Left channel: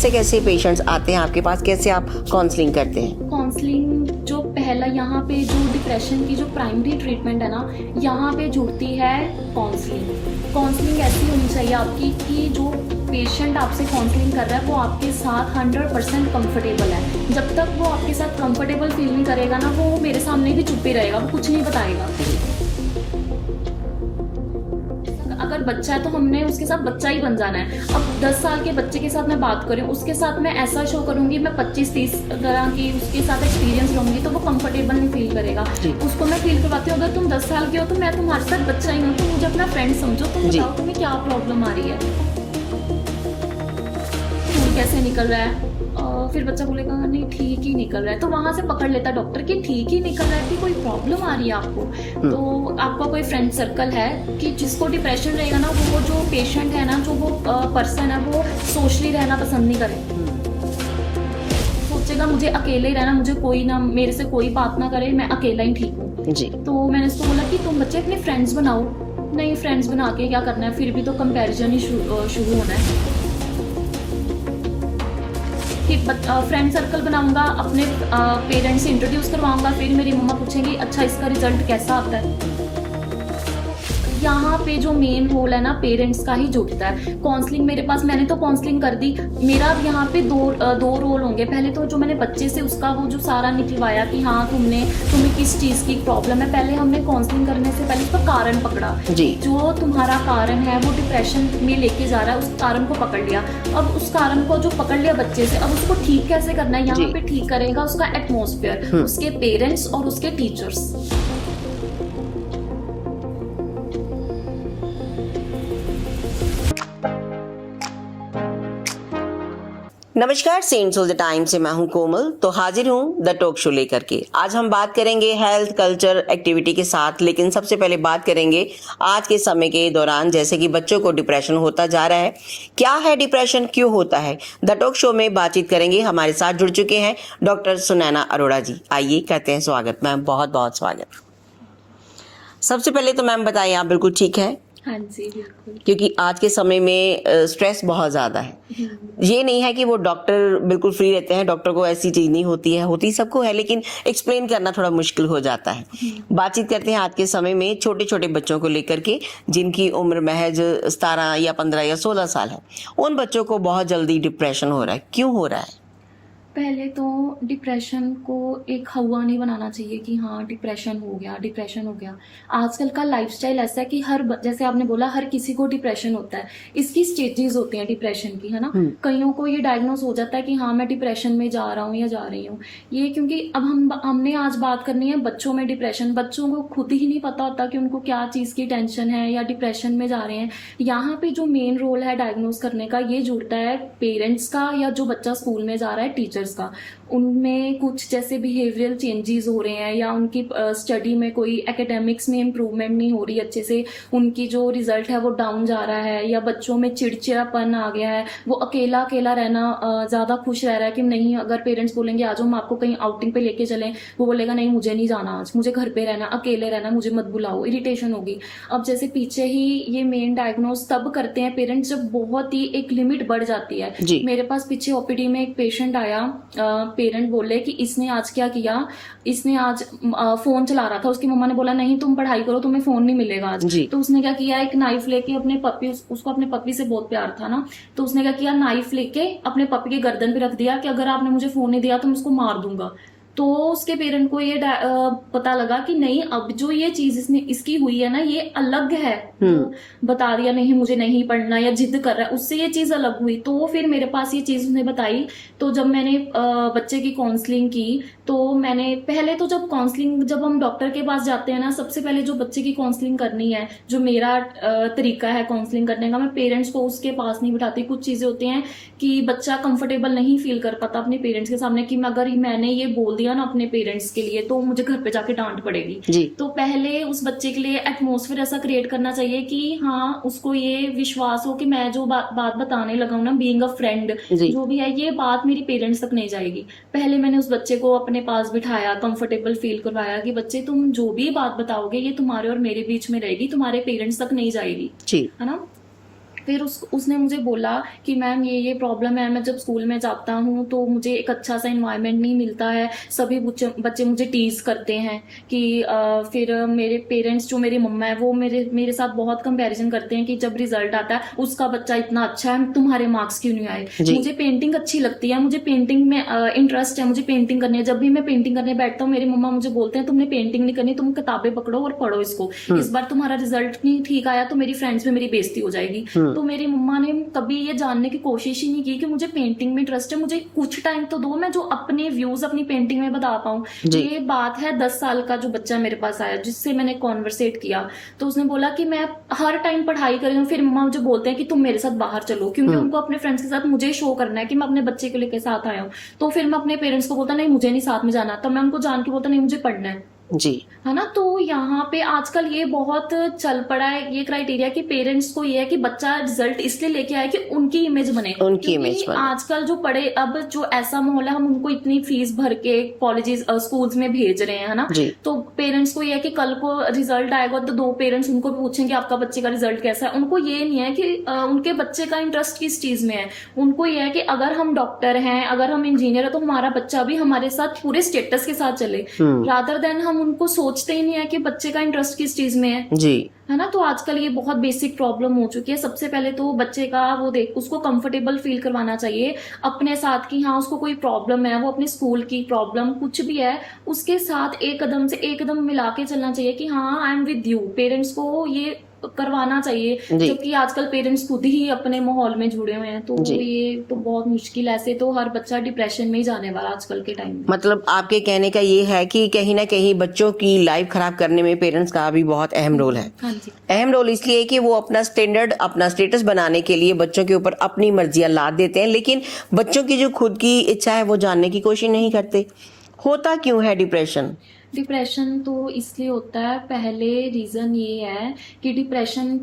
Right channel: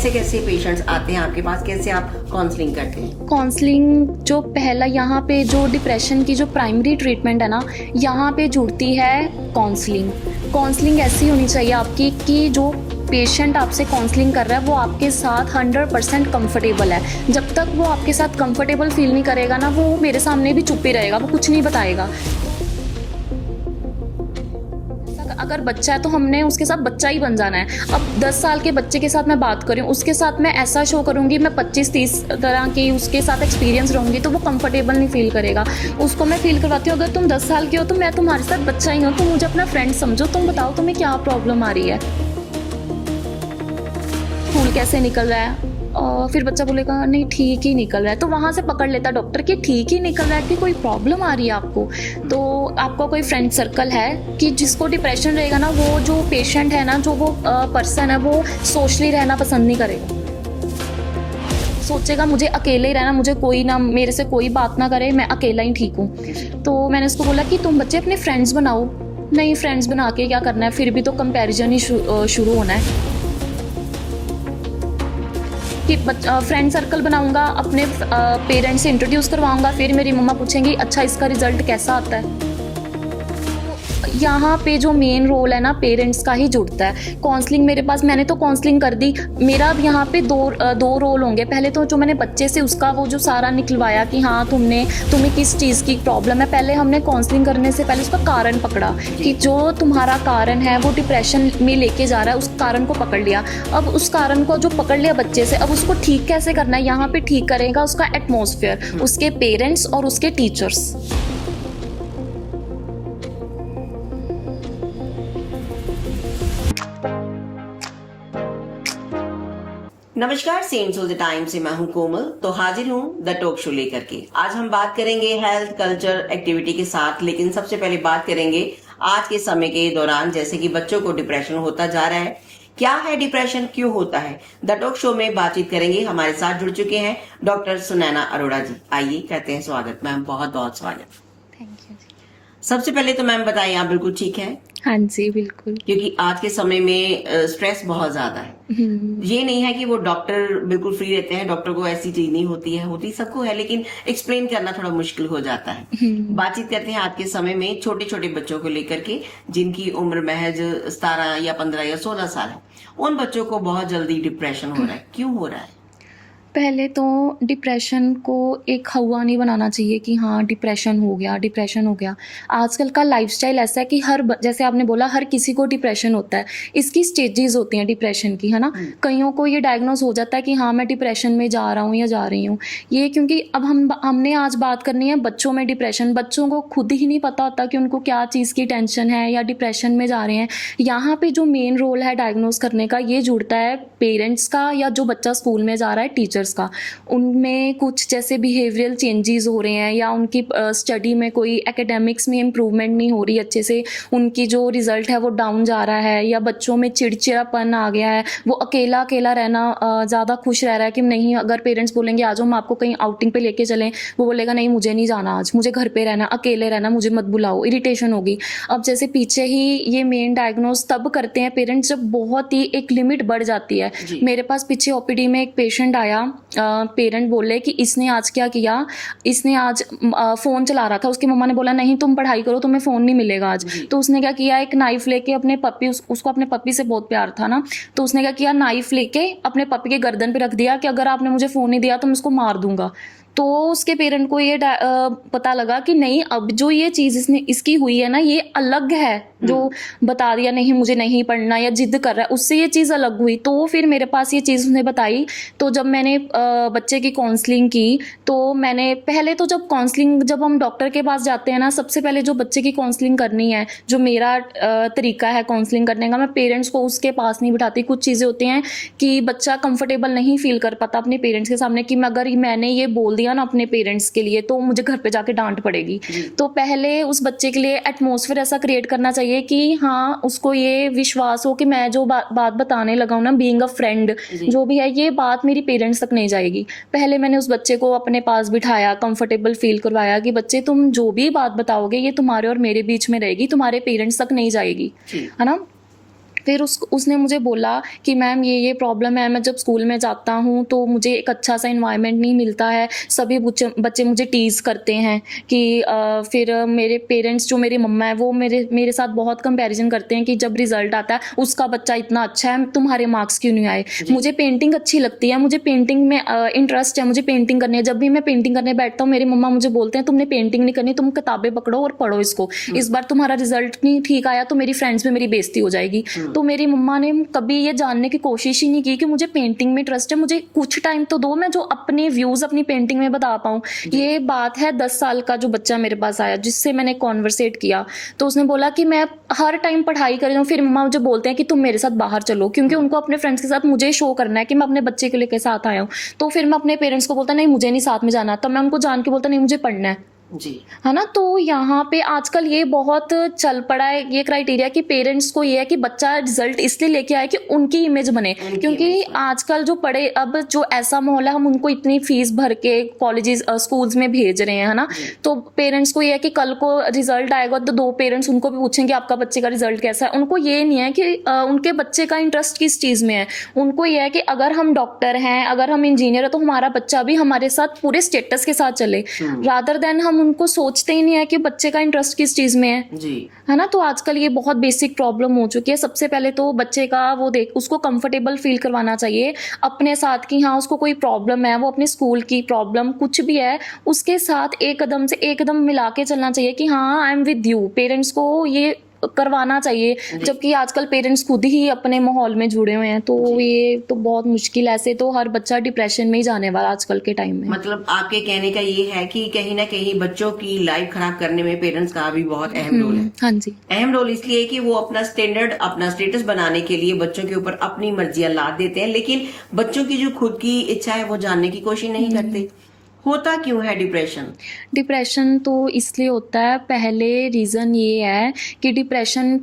कैसे कैसे पेशेंट्स आते हैं आपके पास, कैसे आप काउंसलिंग करते हैं? काउंसलिंग जो पहला यहाँ पे जो डिप्रेशन की जो प्राइमरी ट्रीटमेंट है ना, यहाँ पे जुड़ती है काउंसलिंग ऐसी होनी चाहिए आपकी कि जो पेशेंट आपसे काउंसलिंग कर रहा है वो आपके साथ 100% कंफर्टेबल है। जब तक वो आपके साथ कंफर्टेबल फील नहीं करेगा ना, वो मेरे सामने भी चुप ही रहेगा, वो कुछ नहीं बताएगा। अगर बच्चा है तो हमने उसके साथ बच्चा ही बन जाना है। अब 10 साल के बच्चे के साथ मैं बात करूँ, उसके साथ मैं ऐसा शो करूँगी, मैं 25-30 तरह की उसके साथ एक्सपीरियंस रहूँगी, तो वो कंफर्टेबल नहीं फील करेगा। उसको मैं फील करवाती हूँ, अगर तुम 10 साल के हो तो मैं तुम्हारे साथ बच्चा ही हूँ, तुम मुझे अपना फ्रेंड समझो, तुम बताओ तुम्हें क्या प्रॉब्लम आ रही है, खून कैसे निकल रहा है। फिर बच्चा बोलेगा नहीं ठीक ही निकल रहा है, तो वहाँ से पकड़ लेता डॉक्टर कि ठीक ही निकल रहा है कि कोई प्रॉब्लम आ रही है आपको। तो आपका कोई फ्रेंड सर्कल है कि जिसको डिप्रेशन रहेगा ना, वो जो पेशेंट है ना, जो वो पर्सन है, वो सोशली रहना पसंद नहीं करेगा, सोचेगा मुझे अकेले ही रहना, मुझे कोई ना, मेरे से कोई बात ना करे, मैं अकेला ही ठीक हूँ। तो मैंने उसको बोला कि तुम बच्चे अपने फ्रेंड्स बनाओ। नहीं, फ्रेंड्स बना के क्या करना है, फिर भी तो कंपैरिजन ही शुरू होना है कि फ्रेंड सर्कल बनाऊंगा, अपने पेरेंट्स से इंट्रोड्यूस करवाऊंगा, फिर मेरी मम्मा पूछेंगी अच्छा इसका रिजल्ट कैसा आता है। यहाँ पे जो मेन रोल है ना, पेरेंट्स का ही जुड़ता है। काउंसलिंग मेरे पास, मैंने तो काउंसलिंग कर दी, मेरा अब यहाँ पे दो रोल होंगे। पहले तो जो मैंने बच्चे से उसका वो जो सारा निकलवाया कि हाँ तुम्हें किस चीज़ की प्रॉब्लम है, पहले हमने काउंसलिंग करने से पहले उसका कारण पकड़ा कि जो तुम्हारा कारण है वो डिप्रेशन में लेके जा रहा है, उस कारण को पकड़ लिया। अब उस कारण को जो पकड़ लिया बच्चे से, अब उसको ठीक कैसे करना है, यहाँ पे ठीक करेगा उसका एटमॉस्फेयर, उसके पेरेंट्स और उसके टीचर्स। नमस्कार, सेंट्स ऑफ द टाइम से मैं हूं कोमल, तो हाजिर हूं द टॉक शो लेकर के। आज हम बात करेंगे हेल्थ, कल्चर, एक्टिविटी के साथ, लेकिन सबसे पहले बात करेंगे आज के समय के दौरान, जैसे कि बच्चों को डिप्रेशन होता जा रहा है। क्या है डिप्रेशन, क्यों होता है? द टॉक शो में बातचीत करेंगे। हमारे साथ जुड़ चुके हैं डॉक्टर सुनैना अरोड़ा जी। आइए कहते हैं स्वागत मैम, बहुत बहुत स्वागत। सबसे पहले तो मैम बताइए, आप बिल्कुल ठीक है? हाँ जी बिल्कुल। क्योंकि आज के समय में स्ट्रेस बहुत ज्यादा है। ये नहीं है कि वो डॉक्टर बिल्कुल फ्री रहते हैं, डॉक्टर को ऐसी चीज नहीं होती है, होती सबको है, लेकिन एक्सप्लेन करना थोड़ा मुश्किल हो जाता है। बातचीत करते हैं आज के समय में छोटे छोटे बच्चों को लेकर के, जिनकी उम्र महज 17 या 15 या 16 साल है। उन बच्चों को बहुत जल्दी डिप्रेशन हो रहा है, क्यों हो रहा है? पहले तो डिप्रेशन को एक हवा नहीं बनाना चाहिए कि हाँ डिप्रेशन हो गया। आजकल का लाइफस्टाइल ऐसा है कि जैसे आपने बोला, हर किसी को डिप्रेशन होता है। इसकी स्टेजेस होती हैं डिप्रेशन की, है ना। कईयों को ये डायग्नोज हो जाता है कि हाँ मैं डिप्रेशन में जा रहा हूँ या जा रही हूँ। ये क्योंकि अब हमने आज बात करनी है बच्चों में डिप्रेशन। बच्चों को खुद ही नहीं पता होता कि उनको क्या चीज़ की टेंशन है या डिप्रेशन में जा रहे हैं। यहाँ पे जो मेन रोल है डायग्नोज करने का, ये जुड़ता है पेरेंट्स का, या जो बच्चा स्कूल में जा रहा है टीचर का। उनमें कुछ जैसे बिहेवियरल चेंजेस हो रहे हैं, या उनकी स्टडी में कोई एकेडमिक्स में इम्प्रूवमेंट नहीं हो रही अच्छे से, उनकी जो रिजल्ट है वो डाउन जा रहा है, या बच्चों में चिड़चिड़ापन आ गया है, वो अकेला रहना ज़्यादा खुश रह रहा है कि नहीं, अगर पेरेंट्स बोलेंगे आज हम आपको कहीं आउटिंग पे लेके चलें, वो बोलेगा नहीं मुझे नहीं जाना, आज मुझे घर पे रहना, अकेले रहना, मुझे मत बुलाओ, इरिटेशन होगी। अब जैसे पीछे ही ये मेन डायग्नोज तब करते हैं पेरेंट्स जब बहुत ही एक लिमिट बढ़ जाती है। मेरे पास पीछे ओपीडी में एक पेशेंट आया, पेरेंट बोले कि इसने आज क्या किया, इसने आज फोन चला रहा था, उसकी मम्मा ने बोला नहीं तुम पढ़ाई करो, तुम्हें फोन नहीं मिलेगा आज। तो उसने क्या किया, एक नाइफ लेके अपने पप्पी, उसको अपने पप्पी से बहुत प्यार था ना, तो उसने क्या किया, नाइफ लेके अपने पप्पी के गर्दन पे रख दिया कि अगर आपने मुझे फोन नहीं दिया तो मैं उसको मार दूंगा। तो उसके पेरेंट को ये पता लगा कि नहीं, अब जो ये चीज इसकी हुई है ना, ये अलग है। जो बता दिया नहीं मुझे नहीं पढ़ना या जिद कर रहा है, उससे ये चीज अलग हुई। तो फिर मेरे पास ये चीज उसने बताई। तो जब मैंने बच्चे की काउंसलिंग की, तो मैंने पहले तो जब हम डॉक्टर के पास जाते हैं ना, सबसे पहले जो बच्चे की काउंसलिंग करनी है, जो मेरा तरीका है काउंसलिंग करने का, मैं पेरेंट्स को उसके पास नहीं बिठाती। कुछ चीजें होती हैं कि बच्चा कंफर्टेबल नहीं फील कर पाता अपने पेरेंट्स के सामने कि अगर मैंने ये बोल दिया ना अपने पेरेंट्स के लिए तो मुझे घर पे जाके डांट पड़ेगी। तो पहले उस बच्चे के लिए एटमॉस्फेयर ऐसा क्रिएट करना चाहिए कि हाँ उसको ये विश्वास हो कि मैं जो बात बताने लगा हूँ ना, बीइंग अ फ्रेंड जो भी है, ये बात मेरी पेरेंट्स तक नहीं जाएगी। पहले मैंने उस बच्चे को अपने पास बिठाया, कंफर्टेबल फील करवाया कि बच्चे तुम जो भी बात बताओगे ये तुम्हारे और मेरे बीच में रहेगी, तुम्हारे पेरेंट्स तक नहीं जाएगी, है ना। फिर उसने मुझे बोला कि मैम ये प्रॉब्लम है, मैं जब स्कूल में जाता हूँ तो मुझे एक अच्छा सा इन्वायरमेंट नहीं मिलता है, सभी बच्चे मुझे टीज़ करते हैं कि फिर मेरे पेरेंट्स जो मेरी मम्मा है वो मेरे साथ बहुत कंपैरिजन करते हैं कि जब रिजल्ट आता है उसका बच्चा इतना अच्छा है, तुम्हारे मार्क्स क्यों नहीं आए। मुझे पेंटिंग अच्छी लगती है, मुझे पेंटिंग में इंटरेस्ट है, मुझे पेंटिंग करनी है। जब भी मैं पेंटिंग करने बैठता हूँ मेरी मम्मा मुझे बोलते हैं तुमने पेंटिंग नहीं करनी, तुम किताबें पकड़ो और पढ़ो इसको, इस बार तुम्हारा रिजल्ट नहीं ठीक आया तो मेरी फ्रेंड्स में मेरी बेइज्जती हो जाएगी। तो मेरी मम्मा ने कभी ये जानने की कोशिश ही नहीं की कि मुझे पेंटिंग में इंटरेस्ट है, मुझे कुछ टाइम तो दो मैं जो अपने व्यूज अपनी पेंटिंग में बता पाऊँ। ये बात है 10 साल का जो बच्चा मेरे पास आया जिससे मैंने कॉन्वर्सेट किया, तो उसने बोला कि मैं हर टाइम पढ़ाई कर रही हूँ। फिर मम्मा मुझे बोलते हैं कि तुम मेरे साथ बाहर चलो, क्योंकि उनको अपने फ्रेंड्स के साथ मुझे शो करना है कि मैं अपने बच्चे को लेकर साथ आया हूँ। तो फिर मैं अपने पेरेंट्स को बोलता नहीं मुझे नहीं साथ में जाना, तब मैं उनको जान के बोलता नहीं मुझे पढ़ना है जी, है ना। तो यहाँ पे आजकल ये बहुत चल पड़ा है ये क्राइटेरिया कि पेरेंट्स को ये है कि बच्चा रिजल्ट इसलिए लेके आए कि उनकी इमेज बने, क्योंकि आजकल जो पढ़े अब जो ऐसा माहौल है हम उनको इतनी फीस भर के कॉलेजेस स्कूल्स में भेज रहे हैं, है ना। तो पेरेंट्स को ये है कि कल को रिजल्ट आएगा तो 2 पेरेंट्स उनको भी पूछेंगे आपका बच्चे का रिजल्ट कैसा है। उनको ये नहीं है कि उनके बच्चे का इंटरेस्ट किस चीज में है, उनको ये है कि अगर हम डॉक्टर हैं, अगर हम इंजीनियर है तो हमारा बच्चा भी हमारे साथ पूरे स्टेटस के साथ चले, रादर देन हम उनको सोचते ही नहीं है कि बच्चे का इंटरेस्ट किस चीज में है जी, है ना। तो आजकल ये बहुत बेसिक प्रॉब्लम हो चुकी है। सबसे पहले तो बच्चे का वो उसको कंफर्टेबल फील करवाना चाहिए अपने साथ कि हाँ उसको कोई प्रॉब्लम है, वो अपने स्कूल की प्रॉब्लम कुछ भी है उसके साथ एक कदम मिला के चलना चाहिए कि हाँ I am with you. Parents को ये करवाना चाहिए, जबकि आजकल पेरेंट्स खुद ही अपने माहौल में जुड़े हुए हैं। तो ये तो बहुत मुश्किल है, ऐसे तो हर बच्चा डिप्रेशन में ही जाने वाला आजकल के टाइम में। मतलब आपके कहने का ये है कि कहीं ना कहीं बच्चों की लाइफ खराब करने में पेरेंट्स का भी बहुत अहम रोल है। हाँ जी, अहम रोल इसलिए कि वो अपना स्टैंडर्ड अपना स्टेटस बनाने के लिए बच्चों के ऊपर अपनी मर्जियां लाद देते हैं, लेकिन बच्चों की जो खुद की इच्छा है वो जानने की कोशिश नहीं करते। होता क्यों है डिप्रेशन तो इसलिए होता है, पहले रीज़न ये है कि डिप्रेशन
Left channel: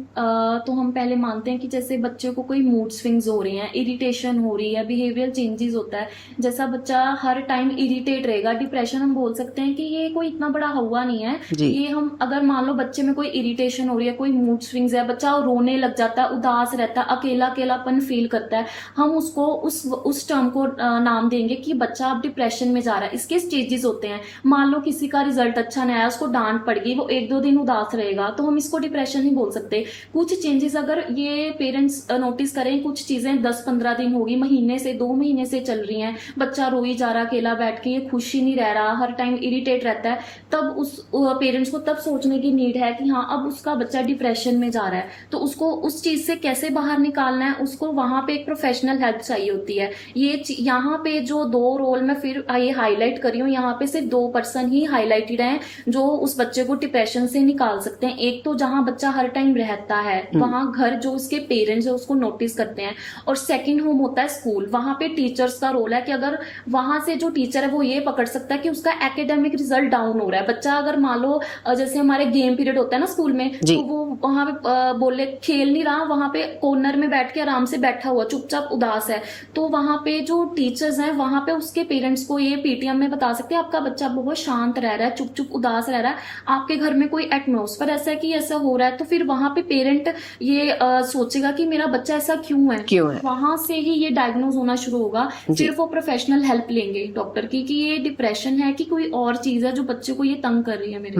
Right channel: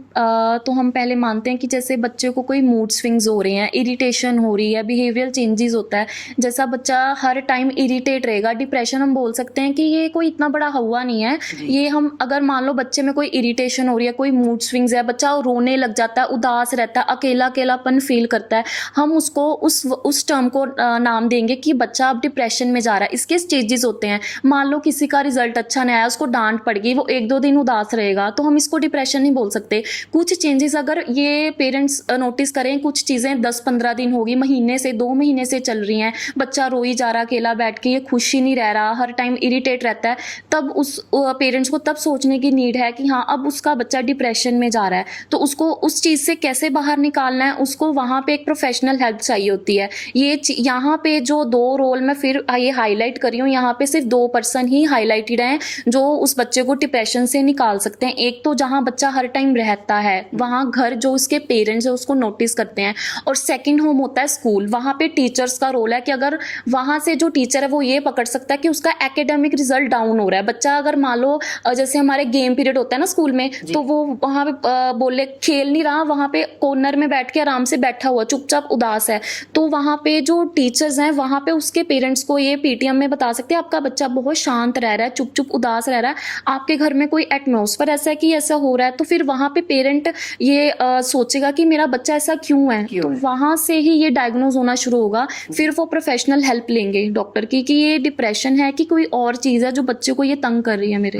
तो हम पहले मानते हैं कि जैसे बच्चे को कोई मूड स्विंग्स हो रहे हैं, इरिटेशन हो रही है, बिहेवियर चेंजेस होता है। जैसा बच्चा हर टाइम इरिटेट रहेगा, डिप्रेशन हम बोल सकते हैं कि ये कोई इतना बड़ा हुआ नहीं है। ये हम अगर मान लो बच्चे में कोई इरिटेशन हो रही है, कोई मूड स्विंग्स है, बच्चा रोने लग जाता है, उदास रहता है, अकेलापन फील करता है, हम उसको उस टर्म को नाम देंगे कि बच्चा अब डिप्रेशन में जा रहा है। इसके स्टेजेस होते हैं। मान लो किसी का रिजल्ट अच्छा नहीं आया, उसको डांट पड़ गई, वो 1-2 दिन उदास रहेगा, तो हम इसको डिप्रेशन नहीं बोल सकते। कुछ चेंजेस अगर ये पेरेंट्स नोटिस करें, कुछ चीज़ें 10-15 दिन होगी, महीने से 2 महीने से चल रही हैं, बच्चा रोई जा रहा, अकेला बैठ के, ये खुश ही नहीं रह रहा, हर टाइम इरिटेट रहता है, तब उस पेरेंट्स को तब सोचने की नीड है कि हाँ अब उसका बच्चा डिप्रेशन में जा रहा है, तो उसको उस चीज़ से कैसे बाहर निकालना है, उसको वहाँ पे एक प्रोफेशनल हेल्प चाहिए होती है। ये यहाँ पे जो 2 रोल मैं फिर ये हाईलाइट कर रही हूँ, यहाँ पे सिर्फ 2 पर्सन ही हाईलाइटेड हैं जो उस बच्चे को डिप्रेशन से निकाल सकते हैं। एक तो जहाँ बच्चा हर टाइम रहता है, वहाँ घर जो उसके पेरेंट्स है उसको नोटिस करते हैं, और सेकंड होम होता है स्कूल। वहाँ पे टीचर्स का रोल है कि अगर वहाँ से जो टीचर है वो ये पकड़ सकता है कि उसका एकेडमिक रिजल्ट डाउन हो रहा है। बच्चा अगर मान लो जैसे हमारे गेम पीरियड होता है ना स्कूल में, तो वो वहाँ पे बोले खेल नहीं रहा, वहाँ पे कॉर्नर में बैठ के आराम से बैठा हुआ चुपचाप उदास है, तो वहाँ पे जो टीचर्स हैं वहाँ पे उसके पेरेंट्स को ये पीटीएम में बता सकते हैं आपका बच्चा बहुत शांत रह रहा है, चुप उदास रह रहा है, आपके घर में कोई एटमॉस्फेयर ऐसा है कि ऐसा हो रहा है। तो फिर वहाँ पे पेरेंट ये सोचेगा कि मेरा बच्चा ऐसा क्यों है, तो वहाँ से ही ये डायग्नोज होना शुरू होगा। फिर वो प्रोफेशनल हेल्प लेंगे डॉक्टर की कि ये डिप्रेशन है कि कोई और चीज है जो बच्चे को ये तंग कर रही है मेरे।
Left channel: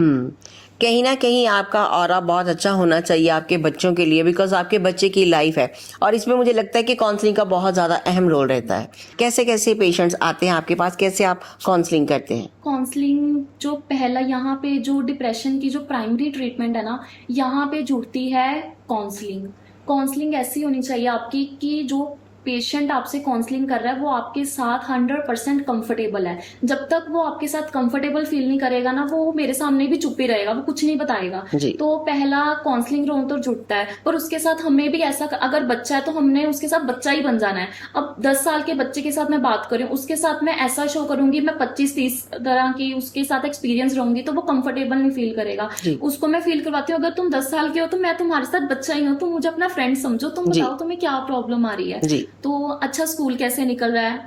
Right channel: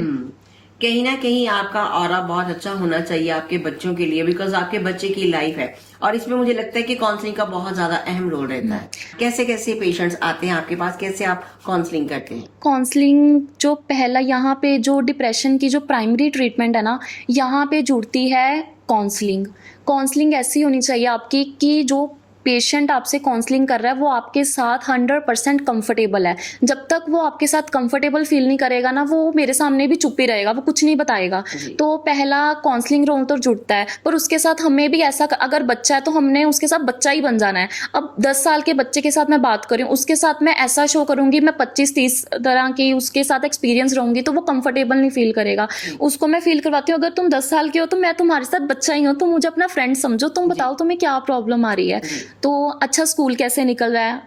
कहीं ना कहीं आपका ऑरा बहुत अच्छा होना चाहिए आपके बच्चों के लिए, बिकॉज आपके बच्चे की लाइफ है, और इसमें मुझे लगता है कि काउंसलिंग का बहुत ज्यादा अहम रोल रहता है। कैसे कैसे पेशेंट्स आते हैं आपके पास, कैसे आप काउंसलिंग करते हैं? काउंसलिंग जो पहला यहाँ पे जो डिप्रेशन की जो प्राइमरी ट्रीटमेंट है ना, यहाँ पे जुड़ती है काउंसलिंग ऐसी होनी चाहिए आपकी कि जो पेशेंट आपसे काउंसलिंग कर रहा है वो आपके साथ 100% कंफर्टेबल है। जब तक वो आपके साथ कंफर्टेबल फील नहीं करेगा ना, वो मेरे सामने भी चुप ही रहेगा, वो कुछ नहीं बताएगा। तो पहला काउंसलिंग रोल तो जुड़ता है, पर उसके साथ हमें भी ऐसा, अगर बच्चा है तो हमने उसके साथ बच्चा ही बन जाना है। अब 10 साल के बच्चे के साथ मैं बात करूँ, उसके साथ मैं ऐसा शो करूंगी, मैं 25-30 तरह की उसके साथ एक्सपीरियंस रहूंगी, तो वो कंफर्टेबल नहीं फील करेगा। उसको मैं फील करवाती हूँ अगर तुम 10 साल के हो तो मैं तुम्हारे साथ बच्चा ही हूँ, तुम मुझे अपना फ्रेंड समझो, तुम बताओ तुम्हें क्या प्रॉब्लम आ रही है, तो अच्छा स्कूल कैसे निकल रहा है,